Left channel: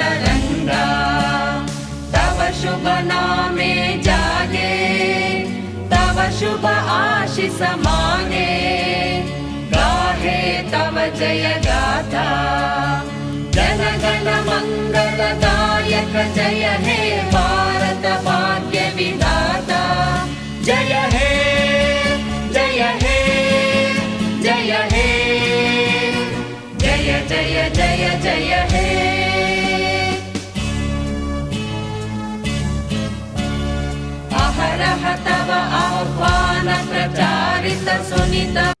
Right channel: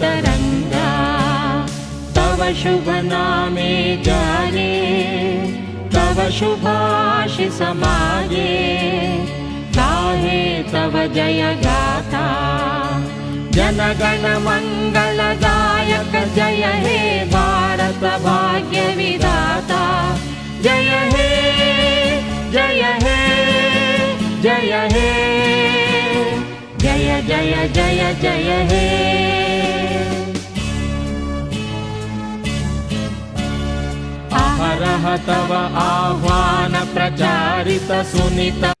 तरंगा। तव शुभ नामे जाने, तव शुभ आशीष माने, गाहे तव जय गाथा। जन गण मंगलदायक जय हे भारत भाग्य विधाता। जय हे जय हे जय हे, जय जय जय जय हे। अहरह तव आह्वान प्रचारित सुनित